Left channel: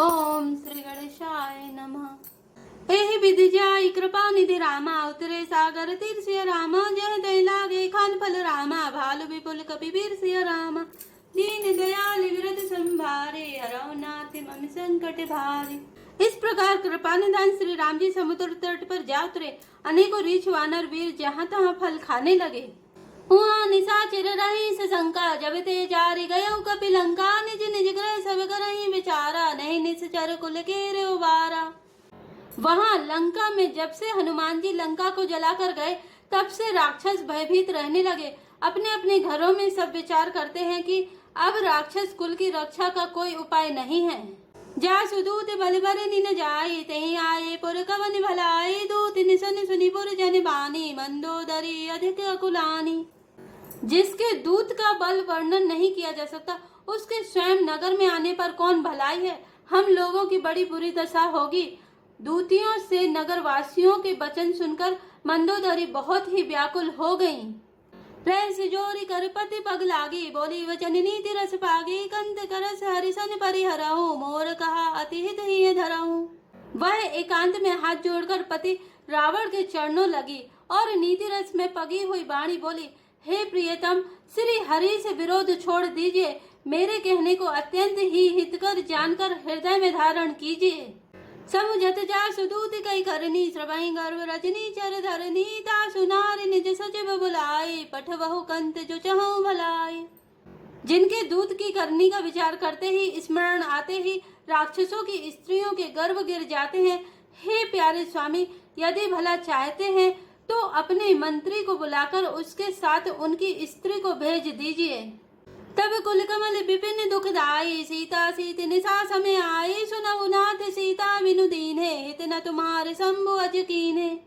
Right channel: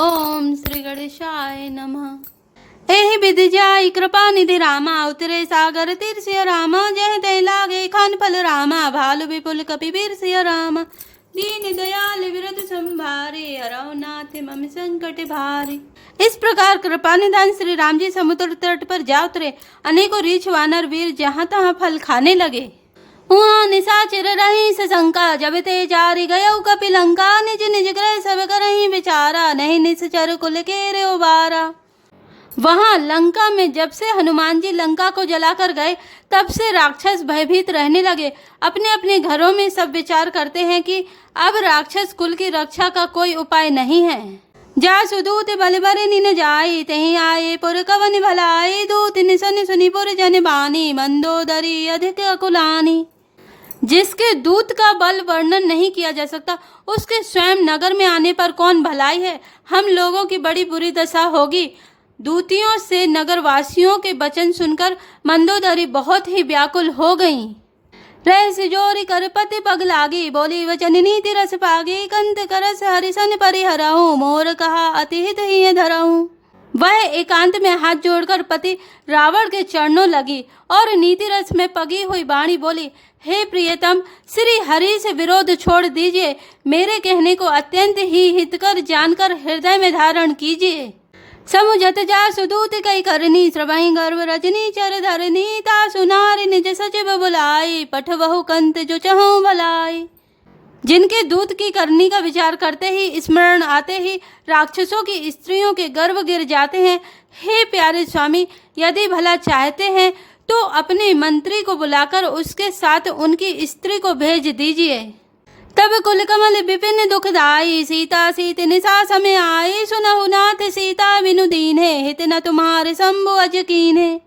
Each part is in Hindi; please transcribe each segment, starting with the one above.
ओम श्री गणेशाय नमः। एहि विधि जाय कृपा निधि रामा, उतरे सागर तीर सिय रामा, जय दय लागे खान फल रामा, भालु विपुल कपि वीर सिय रामा, दीन दयाल विरद संभारे, हरौ नाथ मम संकट भारे। इस प्रकार कृपा निधान श्री राम जी समुद्र तट पर जा उतरे। अनेकों रीछ वानर वीर जहाँ तहाँ फल खाने लगे। हुआ निशाचर रही सशंका, जब ते जारी गयो कपि लंका, निज निज ग्रह सब करही विचारा, नहीं निश्चर कुल के रे उबारा। वहां लंका में जब से हनुमान जी लंका को जलाकर गए, तब से राक्षस भयभीत रहने लगे। अपने अपने घरों में सब विचार करते हैं कि अब राक्षस कुल की रक्षा का कोई उपाय नहीं है। जा सुदूत बल बरे निन जाई, तहीं आए पुर कवन भलाई, दूत निसन सुनी पुर जन बानी, मंदोदरी अधिक अकुलानी। जिसके दूत का बल वर्णन नहीं किया जा सकता, उसके स्वयं नगर में आने पर कौन भलाई है। हम लोगों की बड़ी बुरी दशा होगी। दूतियों से नगरवासियों के वचन सुनकर मंदोदरी बहुत ही व्याकुल हो गईं। रहस जोरी कर पति पग लागी, बोली वचन नीति रस पागी, कंत करस हरिसन परिहरहूँ, मोर कहा अति हित ही धरहूँ। वह एकांत में हाथ जोड़कर पति रावण के चरणों लगी और नीति रस में पगी हुई वाणी बोली, हे प्रियतम, श्री हरि से विरोध छोड़ दीजिए, मेरे कहने को अत्यंत ही हितकर जानकर हृदय में धारण कीजिए। समुझत जा सुदूत कई करनी, श्रवहि गर्भ रजनी चर धरनी, ता सुनारी निज सचिव बुलाई, पठवहु कंत जो चहु भलाई। जिनके दूत की करनी का विचार करते ही स्मरण आते ही राक्षसों की स्त्रियों के गर्भ गिर जाते हैं। हे प्यारे स्वामी, यदि भला चाहते हैं तो अपने मंत्री को बुलाकर उसके साथ उनकी स्त्री को भेज दीजिए। तब कुल कमल विपिन दुखदाई, सीता सीत निशा समय आई, सुनहु नाथ सीता बिनु दीन्हे, हित न तुम्हारे शंभु अज कीन्हे।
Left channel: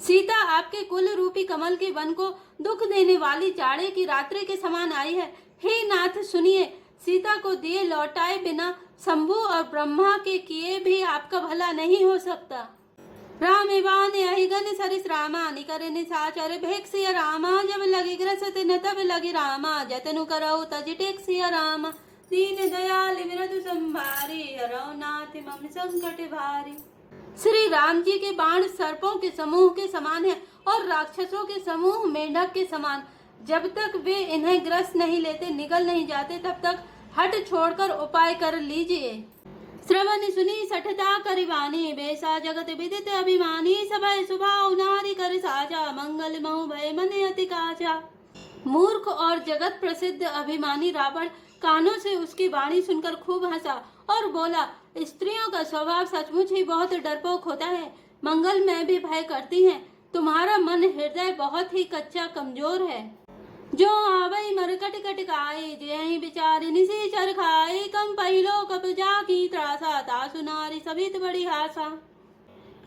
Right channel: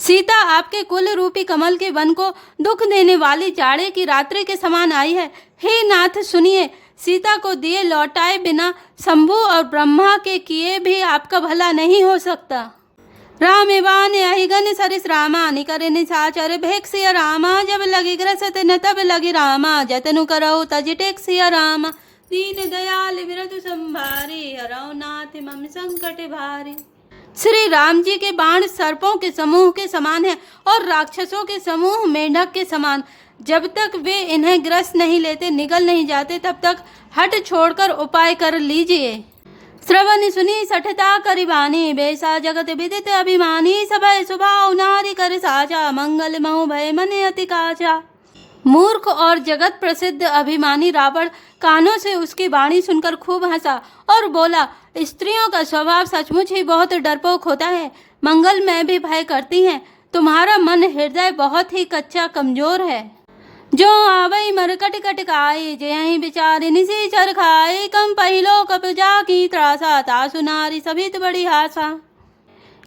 सीता आपके कुल रूपी कमल के वन को दुख देने वाली जाड़े की रात्रि के समान आई है। हे नाथ सुनिए, सीता को दिए लौटाए बिना शंभु और ब्रह्मा के किए भी आपका भला नहीं हो सकता। राम बान अहिगन सरिस रामा, निकर निशाचर भेक सिय रामा, जब लगी ग्रसत न तब लगी रामा, जतनु करौ तज टेक सिय रामा, दीन दयाल विरधु संभारी, हरौ नाथ मम संकट भारी। श्री राम जी के बाण सर्पों के समूह के समान है और राक्षसों के समूह मेंढक के समान। जब तक वे इन्हें ग्रस्त नहीं लेते, निगल नहीं जाते, तब तक हट छोड़कर उपाय कर लीजिए। श्रवण सुनी सठता करिबानी, बेसा जगत विदित अभिमानी, सभय सुभाव नारी कर साचा, मंगल महु भय मने अति काचा। मूर्ख और जगत प्रसिद्ध अभिमानी रावण कानों से उसकी वाणी सुनकर खूब हंसा और बोला, स्त्रियों का स्वभाव सचमुच ही बहुत डरपोक होता है, मंगल में भी भय करती हैं। तुम्हारा मन हृदय बहुत ही कच्चा कमजोर है। जो आवई मरकट कटकाई, जय बिचारे निसी चर खाई, कम पहिलो कप जा की त्रासा, तासु नारी सभित बड़ी हासा।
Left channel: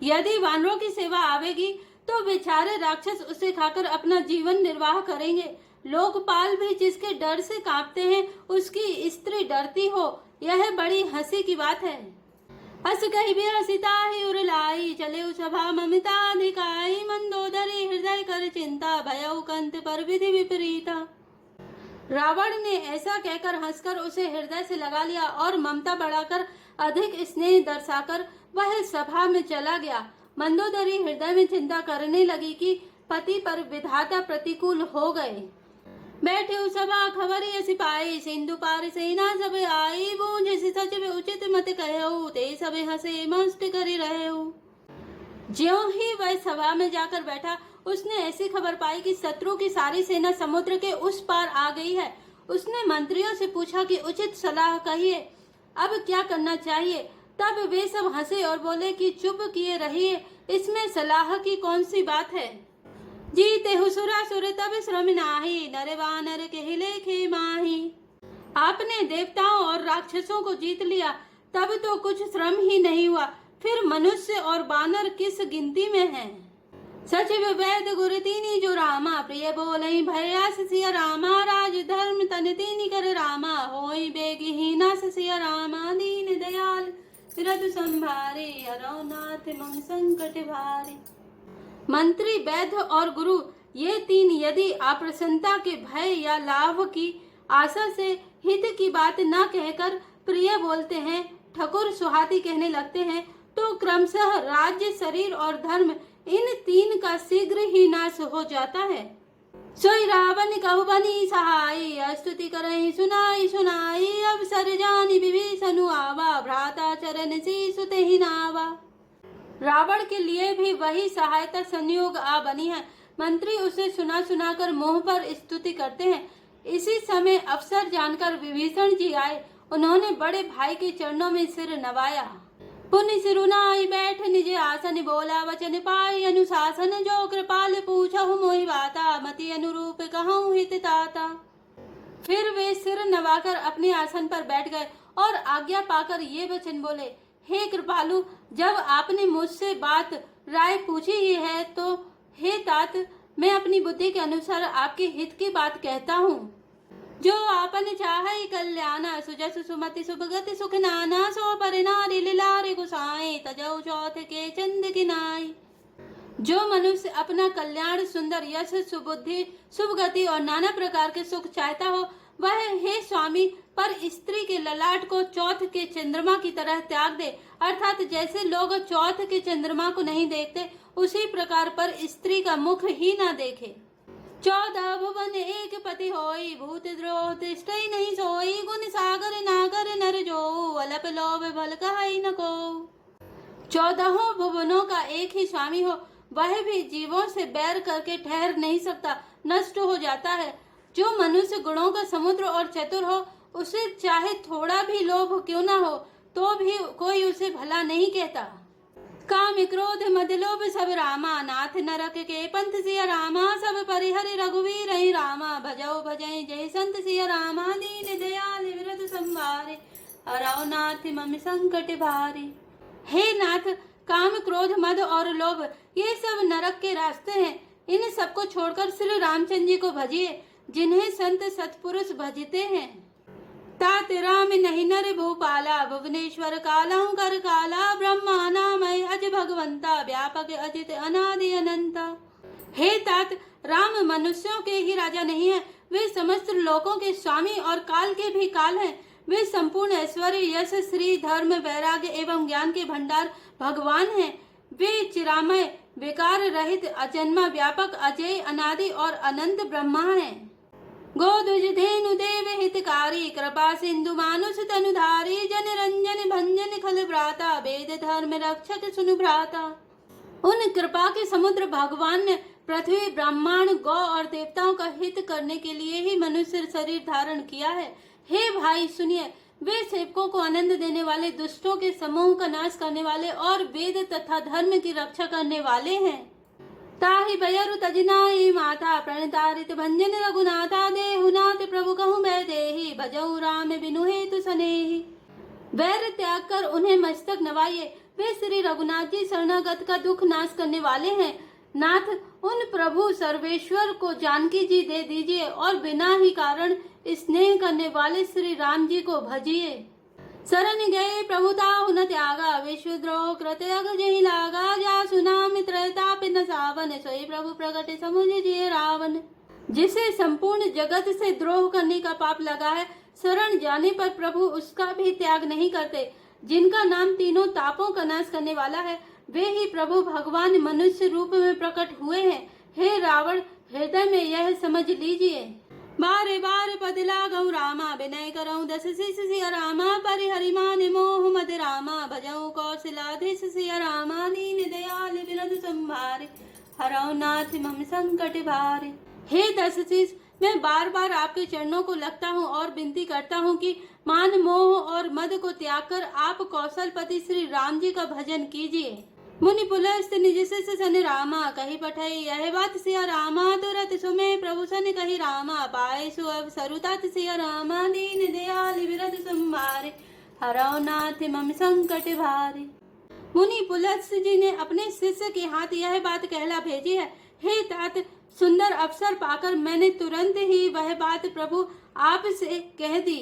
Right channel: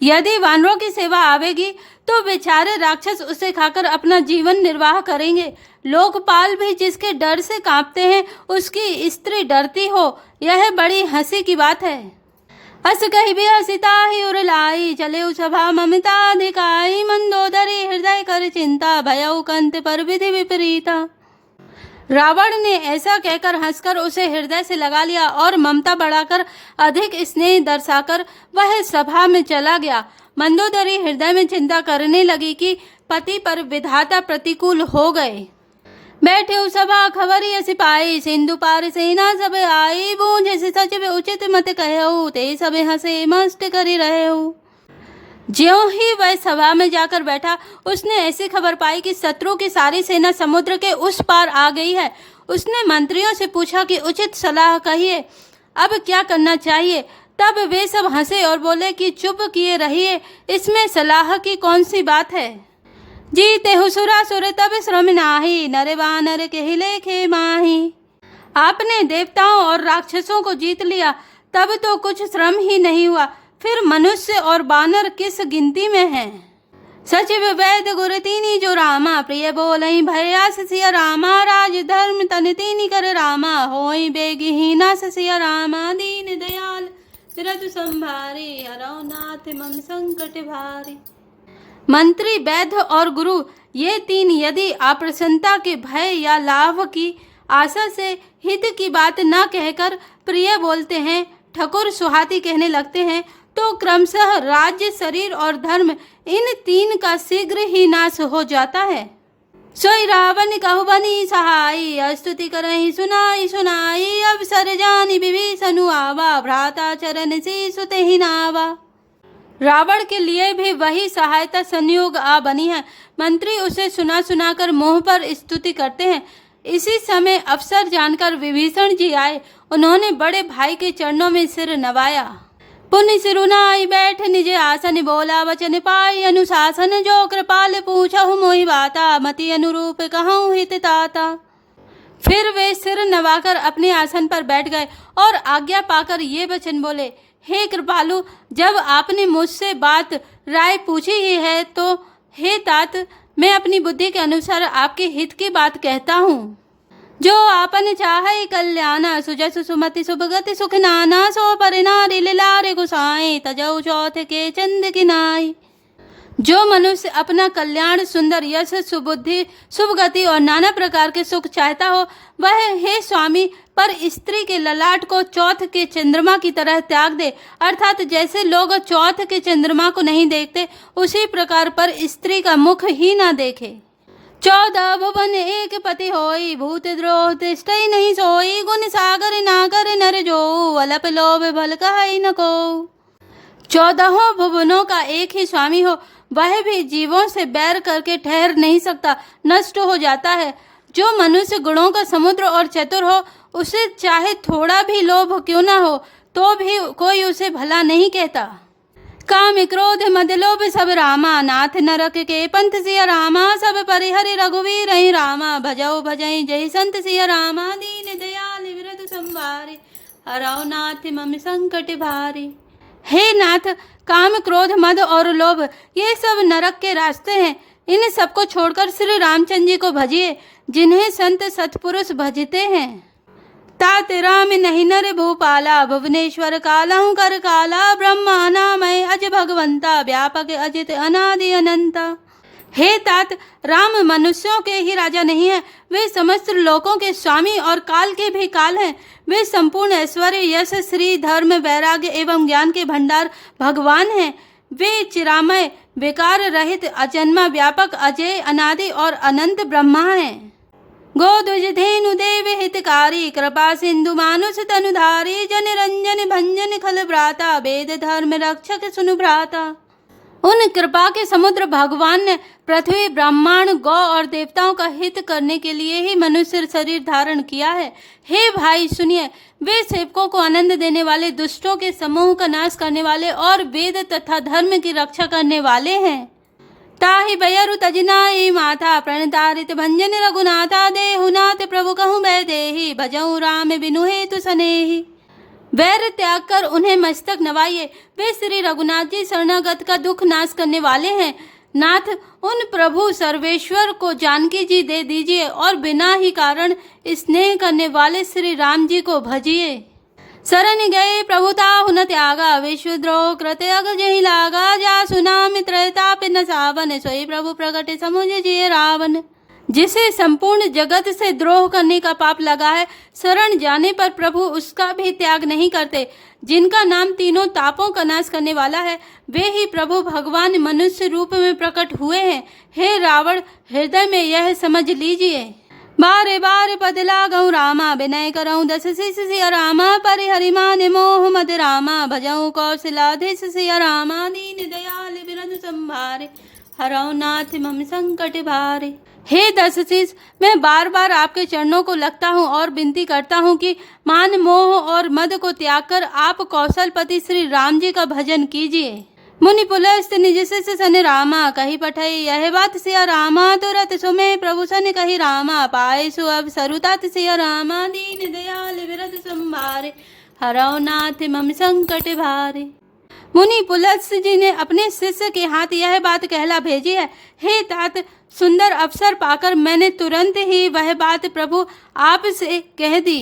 यदि वानरों की सेवा आवेगी तो बेचारे राक्षस उसे खाकर अपना जीवन निर्वाह करेंगे। लोकपाल भी जिसके डर से कांपते हैं, उसकी स्त्री डरती हो, यह बड़ी हंसी की बात है। अस कही भी हसिता ही उर लाई, चले सभा ममता दिखाई, मंदोदरी हृदय कर चिंता, भयउ कंत पर विधि विपरीता। रावण ने ऐसा कहकर हंसकर उसे हृदय से लगा लिया और ममता बढ़ाकर अधिक स्नेह दर्शाकर वह सभा में चला गया। मंदोदरी हृदय में चिंता करने लगी कि पति पर विधाता प्रतिकूल हो गए। बैठे सभा खबरी सिपाही, सिंधु पार सेना सब आई, बूझे से सचिव उचित मत कहऊ, ते सब हंसे मस्त करी रहऊ। ज्यों ही वह सभा में जाकर बैठा, उसने ऐसी खबर पाई कि शत्रु की सारी सेना समुद्र के उस पार आ गई है। उसने मंत्रियों से पूछा कि उचित सलाह कहिए, अब क्या करना चाहिए। तब वे सब हंसे और बोले कि चुप किए रहिए, इसमें सलाह की कौन सी बात है। जीते हुसुरा सुर तब श्रम नाही, नरे वानर के लेखे माही। आपने देवताओं और राक्षसों को जीत लिया, तब तो कुछ श्रम ही नहीं हुआ, फिर मनुष्य और बानर किस गिनती में हैं। सचिव वैद गुर तीनी जो रामा, प्रिय बोलई भयास सिय रामा, राज धर्म तन तीनी कर रामा, होई बेगहीना सिय रामा, दीन दयाल विरधु संभारे, हरौ नाथ मम संकट भारे। मंत्री, वैद्य और गुरु, ये तीन यदि अप्रसन्नता के भय या लाभ की आशा से हित की बात न कहकर प्रिय बोलते हैं, ठकुर सुहाती कहने लगते हैं तो क्रमशः राज्य, शरीर और धर्म इन तीन का शीघ्र ही नाश हो जाता है। सोई रावण कहु बनी सहाई, स्तुति करहि सुनाई सुनाई, अवसर जानी विभीषण आवा, भ्राता चरण सी सुते ही नावा। रावण के लिए भी वही सहायता संयोग आ बनी है। मंत्री उसे सुना सुना कर मुंह पर स्तुति करते हैं। इसी समय अवसर जानकर विभीषण जी आए। उन्होंने बड़े भाई के चरणों में सिर नवाया। पुण्य सिरुनाई बैठ निज आसन, बोला वचन पाई अनुशासन, जो कृपाल पूछहु मोहि बाता, मति अनुरूप कहूँ हित ताता। फिर वे सिर नवाकर अपने आसन पर बैठ गए और आज्ञा पाकर ये वचन बोले, हे कृपालु, जब आपने मुझसे बात राय पूछी ही है तो हे तात, मैं अपनी बुद्धि के अनुसार आपके हित की बात कहता हूँ। जो आपन चाहे कल्याणा, सुजस सुमति सुभगति सुख नाना, सो परिनारी लारे गुसाए, तजौ चौथ के चंद किनाई। जो मनुष्य अपना कल्याण, सुंदर यश, सुबुद्धि, सुभगति और नाना प्रकार के सुख चाहता हो, वह हे स्वामी पर स्त्री के ललाट को चौथ के चंद्रमा की तरह त्याग दे। अर्थात जैसे लोग चौथ के चंद्रमा को नहीं देखते, उसी प्रकार पर स्त्री का मुख ही ना देखे। 14 भुवन एक पति होई, भूत द्रोह तिष्ठई नहीं सोई, गुण सागर ना कर नर जो, अलप लोभ भल कहई न को। 14 भुवनों का एक ही स्वामी हो, वह भी जीवों से बैर करके ठहर नहीं सकता, नष्ट हो जाता है। जो मनुष्य गुणों का समुद्र और चतुर हो, उसे चाहे थोड़ा भी लोभ क्यों ना हो, तो भी कोई उसे भला नहीं कहता। काम क्रोध मद लोभ सब रामा, नाथ नरक के पंथ सिया रामा, सब परिहरि रघुवीर ही रामा, भजौ भजई जय संत सिया रामा, दीन दयाल विरत संवारे, हरौ नाथ मम संकट भारे। हे नाथ, काम, क्रोध, मद और लोभ ये सब नरक के रास्ते हैं। इन सबको छोड़कर श्री रामचंद्र जी को भजिए, जिन्हें संत सत्पुरुष भजते हैं। तात राम नहीं नर भूपाला, भुवनेश्वर कालहु कर काला, ब्रह्मानामय अज भगवंता, व्यापक अजित अनादि अनंता। हे तात, राम मनुष्यों के ही राजा नहीं है, वे समस्त लोकों के स्वामी और काल के भी काल हैं। वे संपूर्ण ऐश्वर्य, यश, श्री, धर्म, वैराग्य एवं ज्ञान के भंडार भगवान हैं। वे चिरामय, विकार रहित, अजन्मा, व्यापक, अजय, अनादि और अनंत ब्रह्मा हैं। गोद्विज धेनु देव हितकारी, कृपा सिंधु मानुष तनुधारी, जन रंजन भंजन खल भ्राता, वेद धर्म रक्षक सुनु भ्राता। उन कृपा के समुद्र भगवान ने पृथ्वी, ब्रह्मांड, गौ और देवताओं का हित करने के लिए ही मनुष्य शरीर धारण किया है। हे भाई सुनिए, वे सेवकों को आनंद देने वाले, दुष्टों के समूह का नाश करने वाले और वेद तथा धर्म की रक्षा करने वाले हैं। ताहि बयरु तजनाई माथा, प्रणतारित भंजन रघुनाथा, देहुनाथ प्रभु कहूँ बै देहि, भजऊ राम बिनु हेतु सनेहि। वैर त्याग कर उन्हें मस्तक नवाइए, वे श्री रघुनाथ जी शरणागत का दुख नाश करने वाले हैं। नाथ, उन प्रभु सर्वेश्वर को जानकी जी दे दीजिए और बिना ही कारण स्नेह करने वाले श्री राम जी को भजिए। शरण गए प्रभुता हुन त्यागा, विश्वद्रोह कृत अग जहि लागा, जा सुना मित्रताप न सावन, सोई प्रभु प्रगटे समुझ जिय रावण। जिसे संपूर्ण जगत से द्रोह करने का पाप लगा है, शरण जाने पर प्रभु उसका भी त्याग नहीं करते। जिनका नाम तीनों तापों का नाश करने वाला है, वे ही प्रभु भगवान मनुष्य रूप में प्रकट हुए हैं। हे रावण, हृदय में यह समझ लीजिए। बारे बारे पद लागऊ रामा, विनय करऊँ दस शिष सिया रामा, परिहरि मान मोह मद रामा, भजऊ कौशलाधीश सिया रामा, दीन दयाल विरध संभारे, हरऊ नाथ मम संकट भारे। हे दशशीष, मैं बार बार आपके चरणों को लगता हूँ और विनती करता हूँ कि मान, मोह और मद को त्याग कर आप कौशलपति श्री राम जी का भजन कीजिए। मुनि पुलस्त निज शिष्य सन रामा, कही पठई यह बात सिया रामा, तुरत सुमे प्रभु सन कही रामा, पाए सु अब सरुतात सिया रामा, दीन दयाल विरध संभारे, हरऊ नाथ मम संकट भारे। मुनि पुलस्त जी ने अपने शिष्य के हाथ यह बात कहला भेजी है। हे तात, सुंदर अवसर पाकर मैंने तुरंत ही वह बात प्रभु आप से कह दी।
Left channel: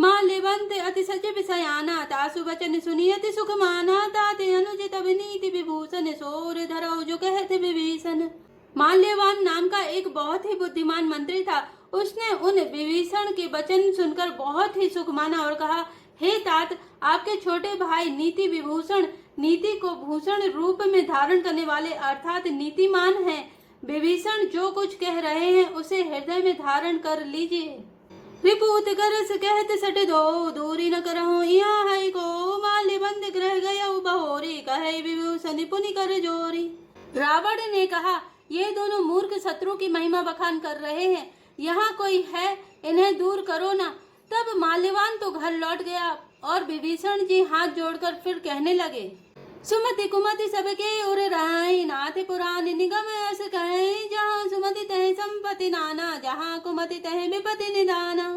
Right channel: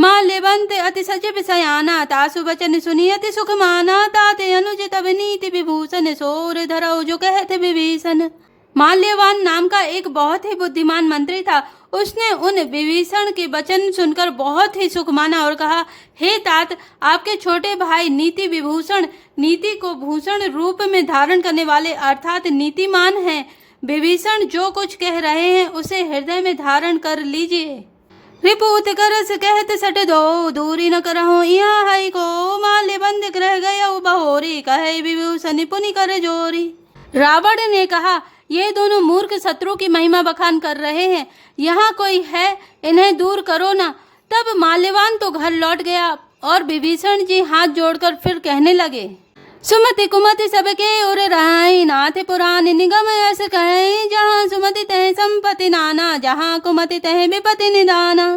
माँ लेवंत अति सचिव सयाना, तासु वचन सुनी अति सुख माना, ताते अनुज तब नीति विभूषण, सोर धरऊ जो कहते विभीषण। माल्यवान नाम का एक बहुत ही बुद्धिमान मंत्री था। उसने उन विभीषण के वचन सुनकर बहुत ही सुख माना और कहा, हे तात, आपके छोटे भाई नीति विभूषण, नीति को भूषण रूप में धारण करने वाले अर्थात नीतिमान हैं। विभीषण जो कुछ कह रहे हैं उसे हृदय में धारण कर लीजिए। रिपुत करस कहत सट दो, दूरी न करहु यहाँ है को, माल्य बंद रह गया बहोरी, कहे विभूषण पुनि कर जोरी। रावण ने कहा, ये दोनों मूर्ख शत्रु की महिमा बखान कर रहे हैं, यहाँ कोई है, इन्हें दूर करो ना। तब माल्यवान तो घर लौट गया और विभीषण जी हाथ जोड़कर फिर कहने लगे, सुमति कुमति सबके उर रहाई, नाथ पुराण निगम ऐसे कहे, जहाँ सुमति तह संपत्ति नाना, जहाँ कुमति तह विपत्ति निदाना।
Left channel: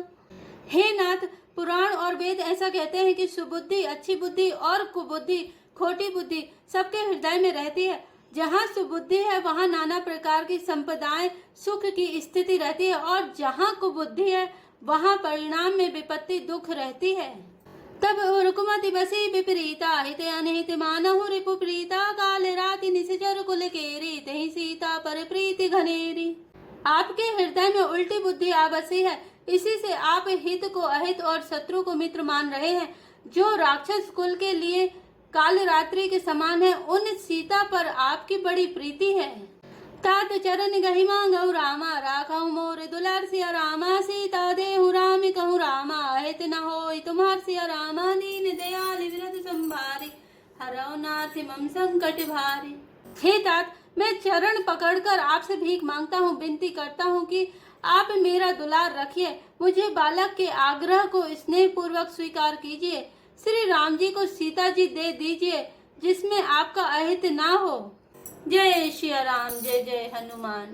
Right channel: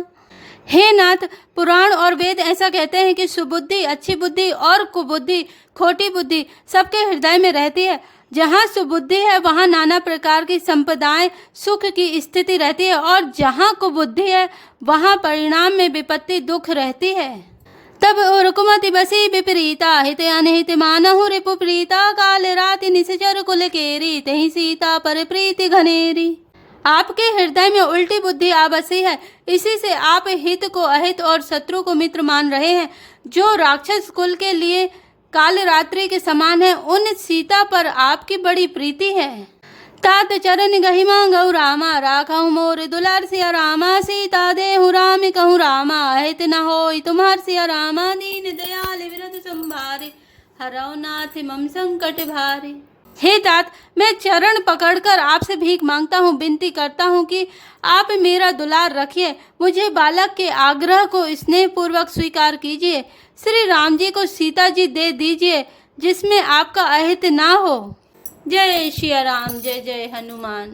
हे नाथ, पुराण और वेद ऐसा कहते हैं कि सुबुद्धि अच्छी बुद्धि और कुबुद्धि खोटी बुद्धि सबके हृदय में रहती है। जहाँ सुबुद्धि है वहाँ नाना प्रकार की संपदाएं सुख की स्थिति रहती है, और जहाँ कुबुद्धि है वहाँ परिणाम में विपत्ति दुख रहती है। तब कुमति बसी विपरीता, हित अनहित मानहु रिपु प्रीता, काल राति निश्चर कुल केरी, तही सीता पर प्रीति घनेरी। आपके हृदय में उल्टी बुद्धि आ बसी है, इसी से आप हित को अहित और शत्रु को मित्र मान रहे हैं। जो राक्षस कुल के लिए काल रात्रि के समान है, उन सीता पर आपकी बड़ी प्रीति है। तात चरण गहिमा गौ रामा, राखहु मोर दुलार सिया रामा, सीता देहु राम कहूँ रामा, अहित न होई तुम्हार सिया रामा, दीन दयाल विरत संभारे, हरौ नाथ मम संकट भारे। हे तात, मैं चरण पकड़कर आपसे भीख मांगता हूँ, विनती करता हूँ कि आप मेरा दुलार रखिए, मुझे बालक के आग्रह को स्नेह पूर्वक स्वीकार कीजिए। श्री राम जी को सीता जी दे दीजिए, जिसमें आपका अहित ना हो। जय श्री राम, जय जय हनुमान।